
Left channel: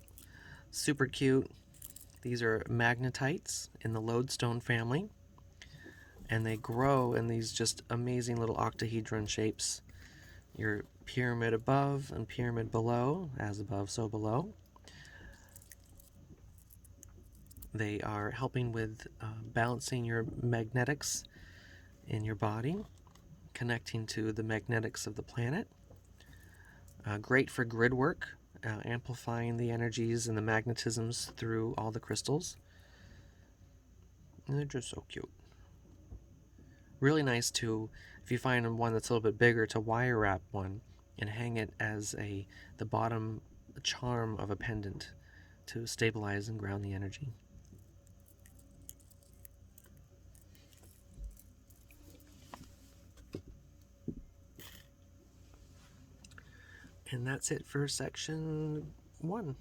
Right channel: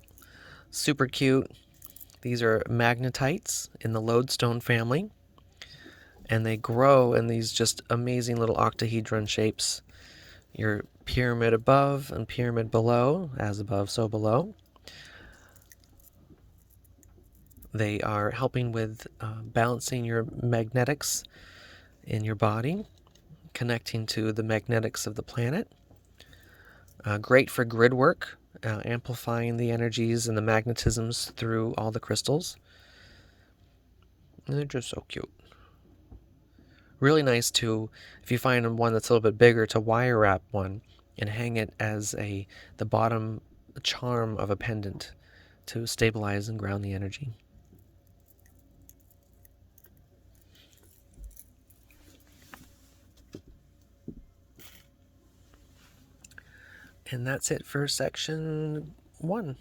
super cute. These are magnetites in the lodestone family, and they grow in these just amazing little octahedron shapes. Your pyramid above and pyramid below, as above, so below. They are helping with balancing your magnetics in your body, connecting to the magnetics of the planet. Great for grid work, amplifying the energies and the magnetisms through all the crystals. And they're just so cute. Really nice to, if you find one that's a little bit bigger, to wire wrap one and hang it as the bottom charm of a pendant to stabilize and ground the energy. And that's it for section 1.